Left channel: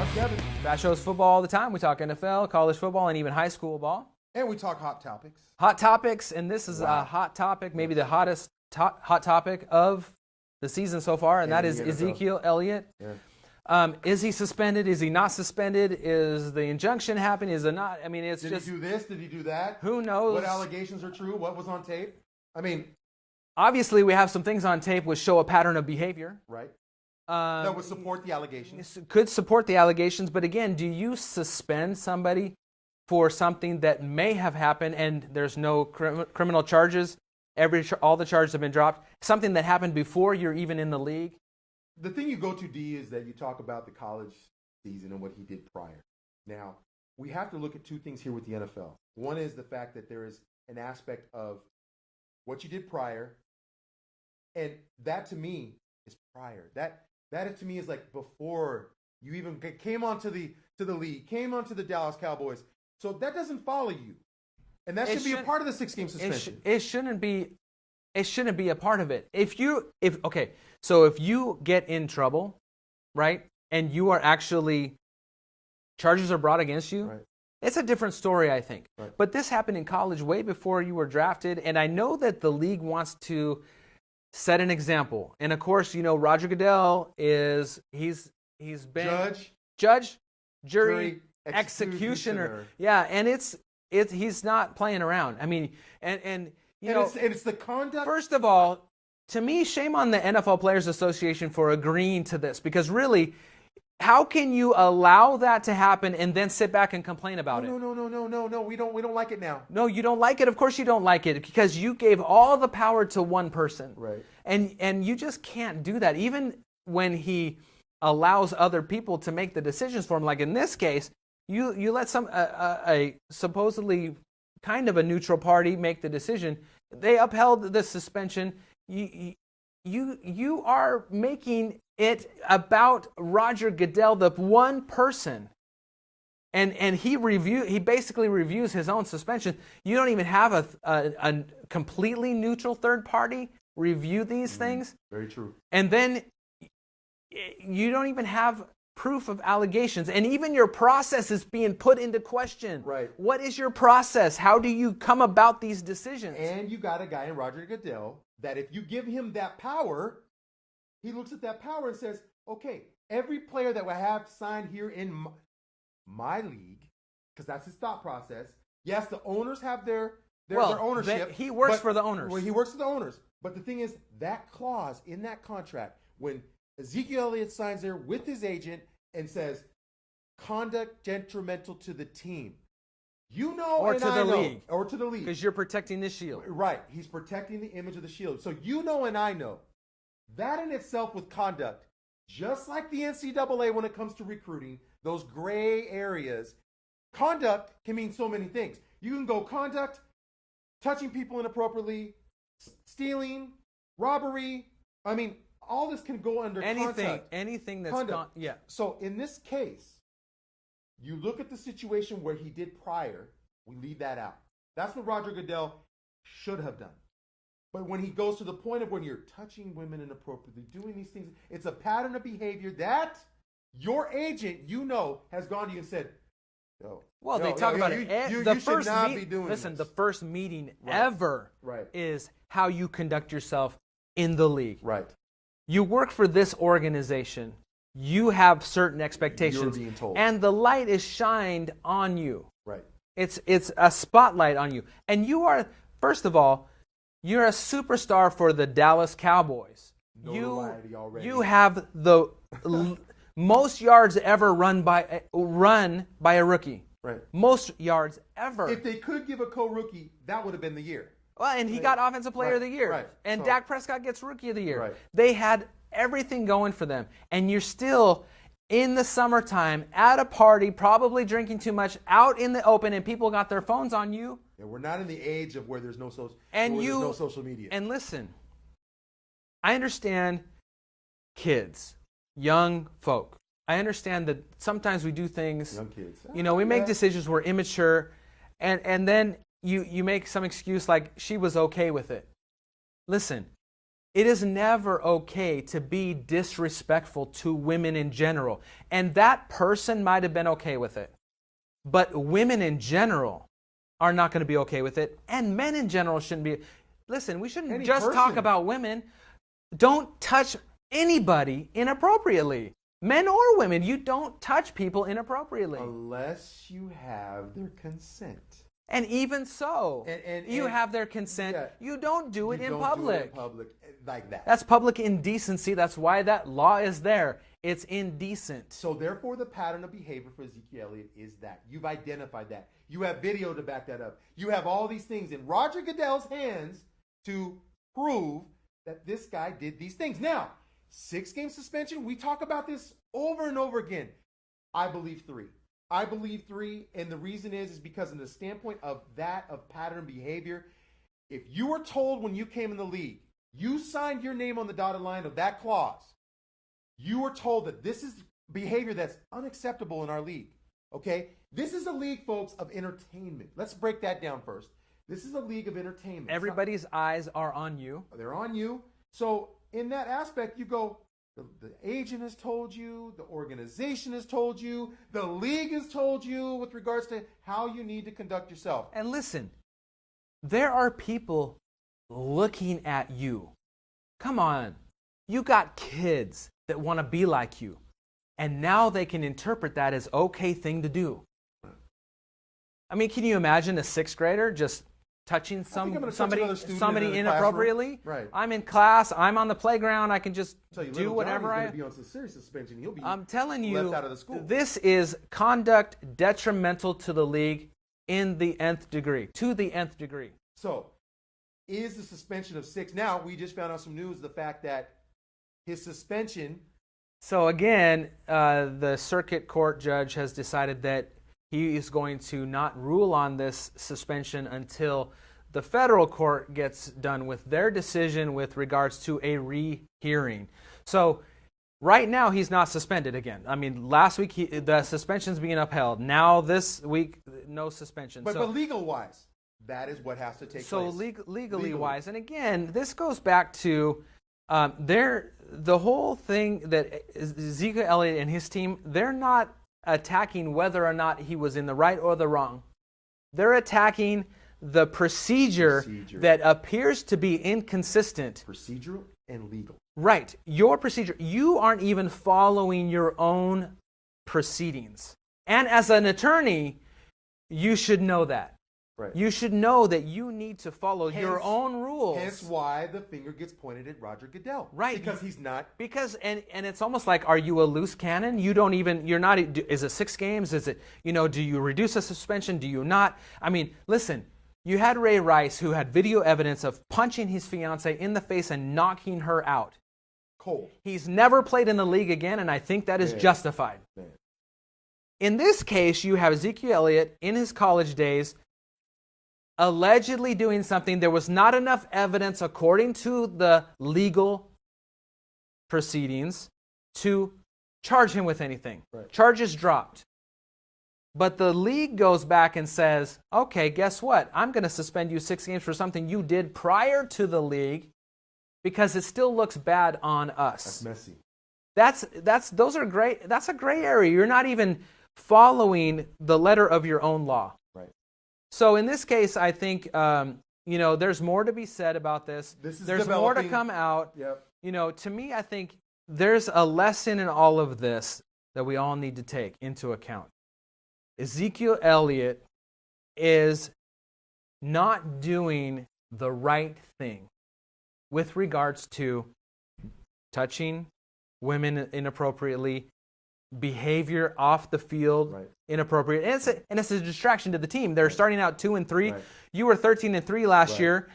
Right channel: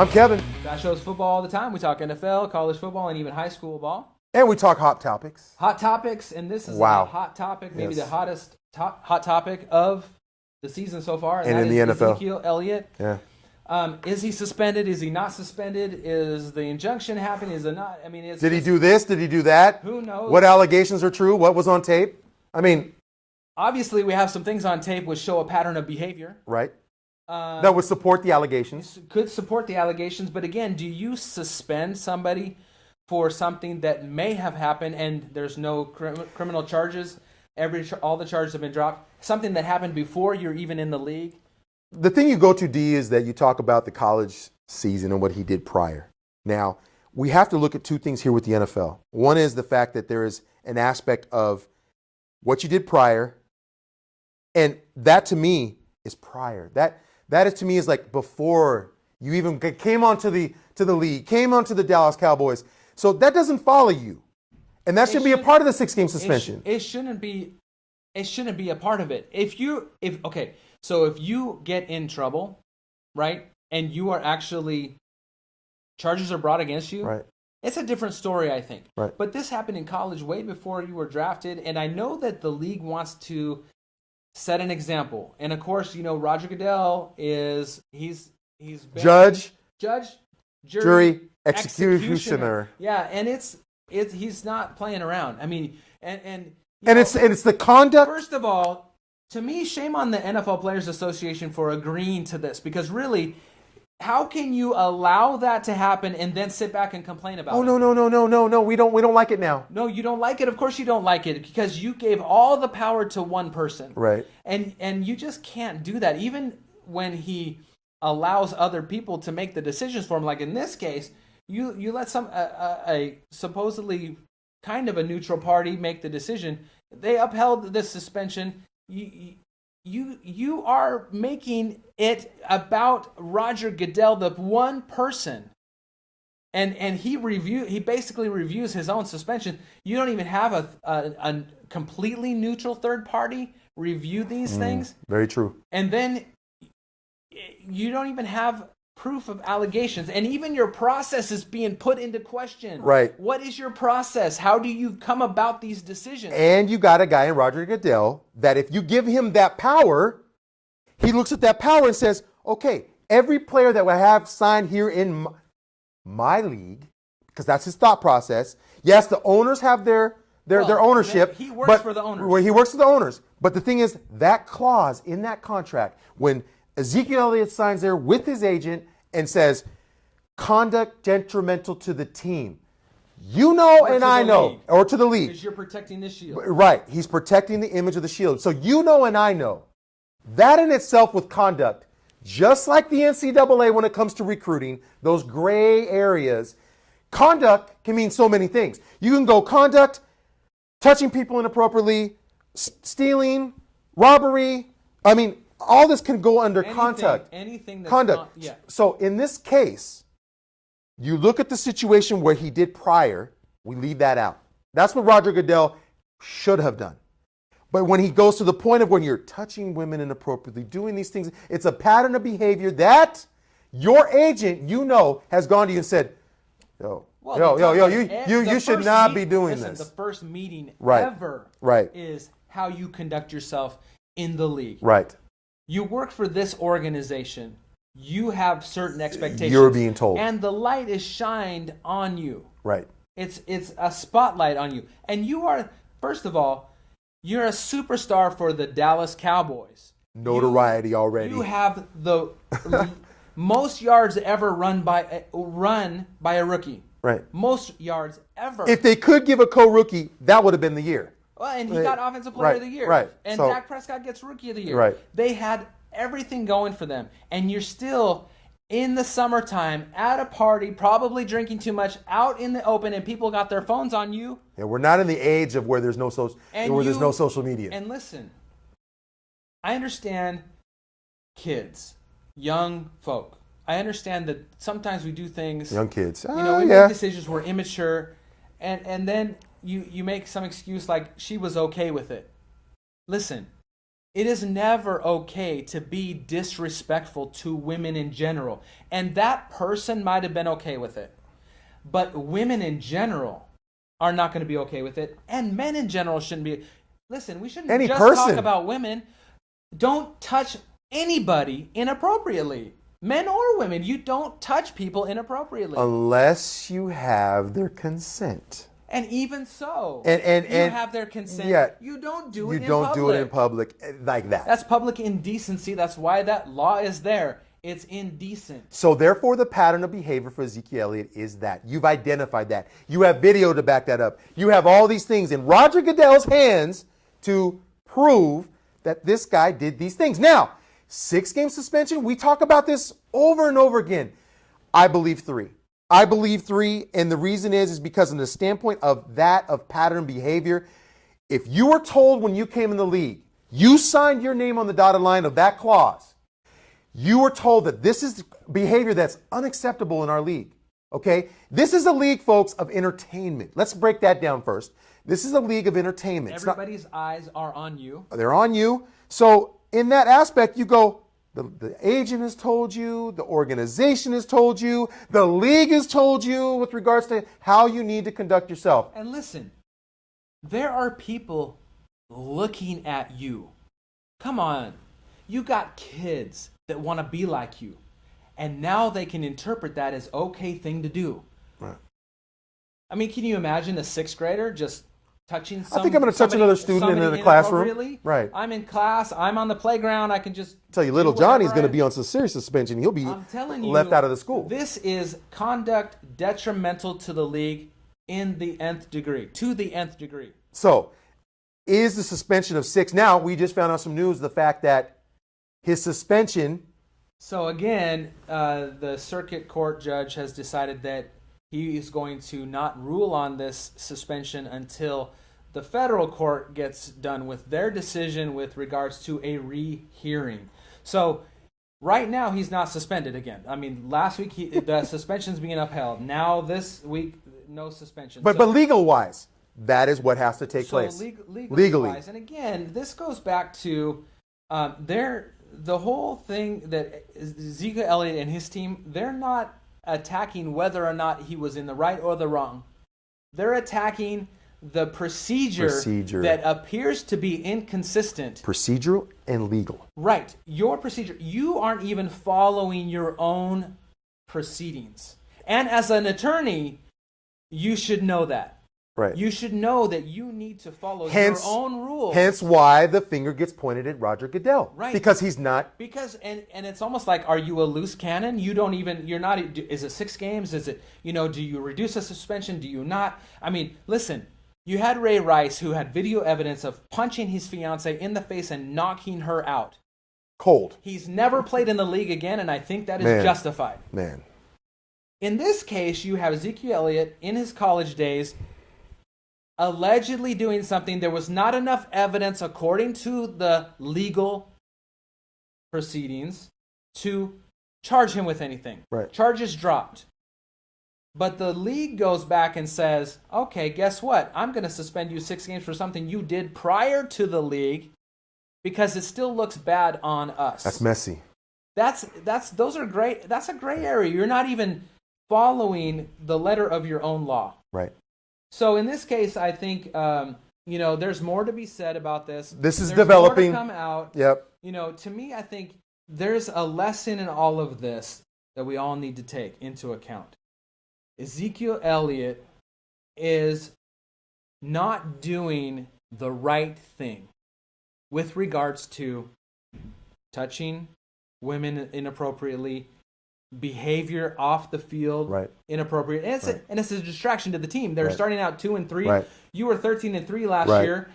I'm Kevin. That show's football all the time. We talk NFL, college football, and even high school ball. And we talk hot topics. Hot topics, and this is a hot topic, maybe the hottest hot topic of the season so far, and that is Ezekiel Elliott. Yeah. Is he suspended? Is he not suspended? Is the injunction happening? Is it not? I mean, Did he do this? Did he do that? Who knows? What allegations are true? What was on tape? I mean, obviously, we have some things on tape which show a pattern of behavior. Right. That would support the allegations. Could support the allegations, but again, do you suspend somebody for something that may have happened and there's no criminal charges? All the charges have been dropped. Something that happened before you're even in the league. The thing you go to, D, is that you talk about the college season and what he did prior. Now, we have to look at two things here with the NFL. One is the fact that there is an aspect of what you did prior, and that to me is prior. That is to me is like before you even came onto the league, came onto the Dallas Cowboys. So that doesn't follow you, and that should be a part of the 6-game suspension. It shouldn't be. It shouldn't be a part of it. If you get in trouble, right, and you are actually charges are brought against you, right, it's a different story, I think. Right. But this happened in college way before you were drafted, and I know that the league wants to set an example. And of course, you know, Roger Goodell he's been judge, jury, executioner. Yeah, and he's not playing around. I mean, and it's the conduct. First of all, to me, shame on the NFL Players Association for agreeing to this, because really, how can you allow that to happen and then sit back and complain about it? Oh, no. We don't like it now. No, you don't like it. Of course you don't like it, because you gave all the power to one person. Right. And you just can't do that. Even when he allows other people to make the decisions for him, like in this case, you let a supposedly kind of a neutral party make the decision. They upheld the suspension. You are making it about Roger Goodell, the one person, and he basically reviews his own suspension. You don't even have a completely neutral third party review these things. Very true. And then you don't even have proof of allegations, and even your process is being put into question. Right. What is your process? How do you come about these decisions? And you got a guy in Roger Goodell that if you give him that power, he looks at that power and says, okay, every player that I have signed here in my league, because that's his thought process. Yes, the owners have their ownership. He works for the owners. Well, he works for the owners. But the thing is, that clause in that contract, when Ezekiel Elliott signs there with his agent and says, conduct detrimental to the team. You know, and I know. Or to the league. Because you're protecting the shield. Right. He's protecting the image of the shield. So you know and I know. That in itself with conduct, just like the NCAA when it comes to recruiting, those gray areas, conduct can mean so many things. You can go conduct, touching people inappropriately, stealing, robbery. I mean, all this can go under conduct. Anything that's conduct. Yeah. So in this case, you look at the situation where he did prior, we leave that out. That's what Roger Goodell should have done. But when he goes to the point of when you're touching women inappropriately, doing these things, it's a pattern of behavior that your agent, you know, has gone to you and said, you should not be doing this. The first meeting Right. ever Right. is how you conduct yourself in the league. Right. You work for this organization. You have certain expectations. You're being told. And the light is shined on you. Right. It's a spotlight on you. And you are, first of all, you're a superstar for the Dallas Cowboys. Notoriety already. You have the most yards ever run by a rookie. Right. Most yards ever. If they could give a co-rookie, that would have been the year. Well, and he got Offensive Player of the Year. Right. And So, Dak Prescott gets Rookie of the Year. Right. They had everything going for them. And you're still in the summertime at a party, probably drinking too much, out in the open, and people got their phones on you. Yeah, we're not in the age of where there's no social media. And listen, I understand kids, young folk. I understand that sometimes we do things. Young kids. We make decisions, we're immature, and then you make some excuse like she was okay with it. Listen, It is never okay to be disrespectful to women in general. And that person might have been okay with it. But women in general are not going to be okay with it. And men in general shouldn't be. Listen, we shouldn't Any just person. talk about women. Don't touch anybody inappropriately. Men or women, you don't touch people inappropriately. Unless you have their consent. And even so, And you have their consent. yeah, you don't do it in You don't public. do it in public like that. That's public indecency. That's why that law is there. It's indecent. So therefore, the pattern of behavior for Ezekiel Elliott is that. You've identified that. You have video to back that up. You have all these things in Roger Goodell's hands to prove that this guy did these things. Now, 6-game suspension, we talk about this over and over again. I believe 3. I believe 3, and the reason is because in the standpoint of pattern behavior, if you were told when you came in the league, you signed your name on the dotted line of that clause, you were told that this is behavior that's unacceptable in our league, okay? This is a league, folks, of entertainment. Let's break that down first. This is a league of entertainment. Everybody's eyes are on you. They're on you. So in that aspect, you go, the agent has told you, the organization has told you, the league has told you with regards to how you need to conduct yourself. And listen, there are people looking at you. Come on. You got kids that want to be like you. And now they can interpret that as okay thing to do. Right. I mean, can you imagine a 6th grader just touching I think I'm going to touch another student in the classroom. Right. I'm in class. I'm on the playground. I can just tell you, little Johnny's going to be on some serious suspension. He'll be left out of the school. This is conduct detrimental to the league in the nth degree, to the nth degree. So, is the suspension of 6? Now, we just found out some news, the fact that his suspension. So again, the circuit court judge has decided that he is going to not rule on this suspension until the federal court gets done with their decision with regards to a rehearing. So right now, he's not suspended again. I mean, last week the suspension's being upheld. Now this week, no suspension. But legal-wise, that is what has to take place. Legally-wise. And again, this goes back to the whole thing that Ezekiel Elliott and his team, they're not attacking whether or not he was in the right or the wrong. They're attacking the procedure that appears to be inconsistent. Procedural and legal. Right. Your procedure. You aren't even following your own proceedings. And as an attorney, you should know that. Right. You should know that you need to follow your own rules. Hence why the finger gets pointed at Roger Goodell. Right. Because he's not. Because, and it's almost like, are you a loose cannon? You're not, is it 6 games? Is it, do you reduce a suspension? Do you not? I mean, listen, you had Ray Rice who had video evidence of punching his fiance in the face and knocking her out. Cold. He's never played in the league again, and I think that is justified. Man. In this case, you have Ezekiel Elliott in his college days allegedly doing something. There was not enough evidence, according to the legal proceedings, to charge him with anything. Right. Charges dropped. But the league goes back and says, okay, guess what? I'm going to suspend you 6 games for something you did prior to the league because it still looks bad on us. That's messy. That's a gray area. You're not even following the letter of your own law. Right. So in this case, I think there's more to be said about this. There's More developing. to come out. Yep. To me, I think there's a lesson in all of this that we all need to take into account. Ezekiel Elliott is not doing the right thing with regards to touching women inappropriately, behavior off the field inappropriate, and it's a distraction to the team. They're starting out 2-3. Right. You were 13-3 last year.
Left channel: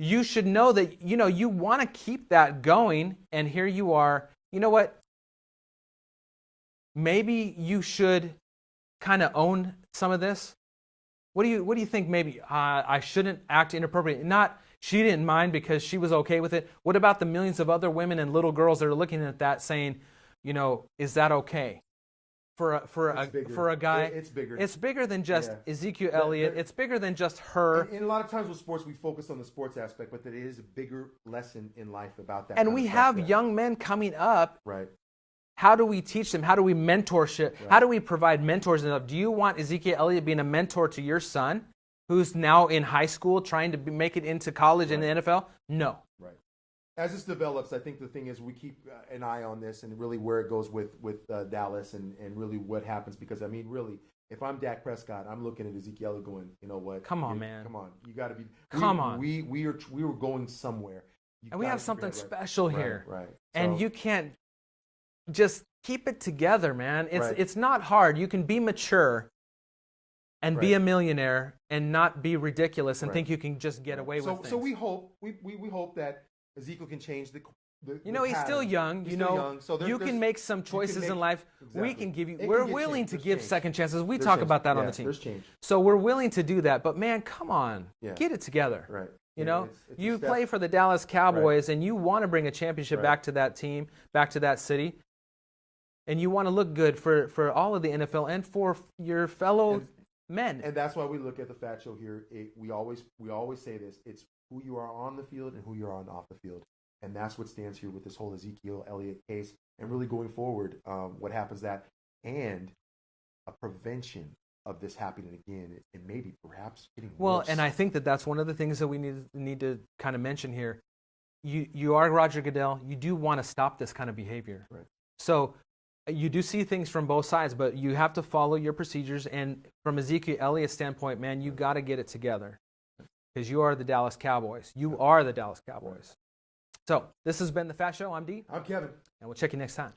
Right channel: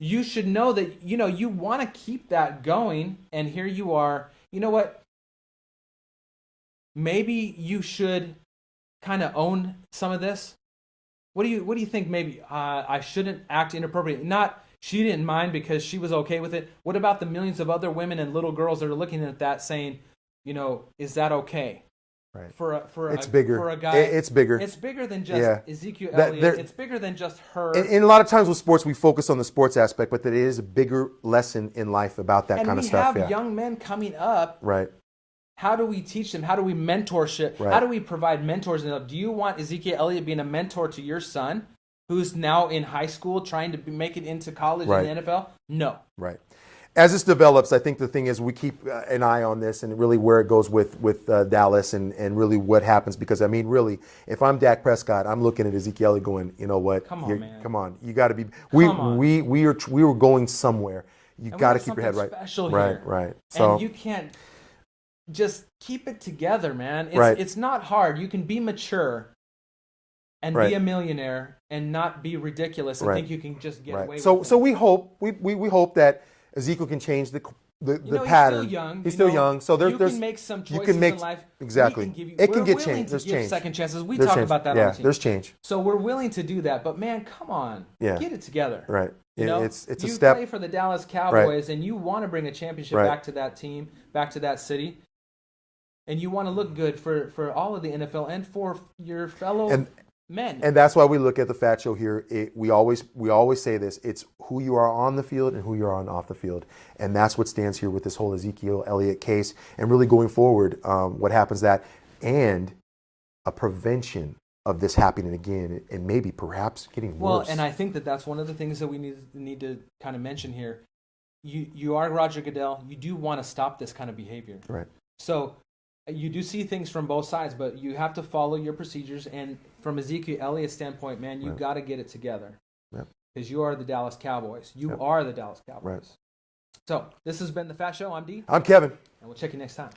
You should know that you want to keep that going, and here you are. You know what? Maybe you should kind of own some of this. What do you think? Maybe I shouldn't act inappropriate. Not she didn't mind because she was okay with it. What about the millions of other women and little girls that are looking at that saying, is that okay? It's bigger. For a guy. It's bigger. It's bigger than just Ezekiel That- Elliott. It's bigger than just her. And a lot of times with sports, we focus on the sports aspect, but there is a bigger lesson in life about that kind of stuff. And we have young men coming up. Right. How do we teach them? How do we mentorship? Right. How do we provide mentors? Do you want Ezekiel Elliott being a mentor to your son, who's now in high school trying to make it into college Right. and the NFL? No. Right. As this develops, I think the thing is we keep an eye on this and really where it goes with Dallas and really what happens. Because, I mean, really, if I'm Dak Prescott, I'm looking at Ezekiel Elliott going, you know what? Come on, man. Come on. You got to be. Come on. We were going somewhere. You got to keep your head right. Special right. here. Right. So, and you can't just keep it together, man. Right. It's not hard. You can be mature and Right. be a millionaire and not be ridiculous and Right. think you can just get away with So it. so we hope that Ezekiel can change the He's pattern. still young. He's still young. So you there's can make some you choices can make, in life. exactly. We can give you, It can we're get willing changed. to There's give change. second chances. We There's talk change. about that on the team. There's change. So we're willing to do that. But man, come on, Yeah. get it together. Right. You know, it's a you step. play for the Dallas Cowboys and you want to bring a championship Right. back to that team, back to that city, and you want to look good for all of the NFL and for your fellow men. And that's why we look at the FATT Show here. We always say this: it's who you are on the field and who you are on off the field, and that's what stands here with this whole Ezekiel Elliott case. And really going forward, what happens and a prevention of this happening again, and maybe perhaps getting worse. Well, and I think that's one of the things that we need to kind of mention here. You are Roger Goodell. You do want to stop this kind of behavior. Right. So you do see things from both sides, but you have to follow your procedures. And from Ezekiel Elliott's standpoint, man, you got to get it together. Because you are the Dallas Cowboys. You are the Dallas Cowboys. Right. So this has been the FATT Show. I'm D. I'm Kevin. And we'll check you next time.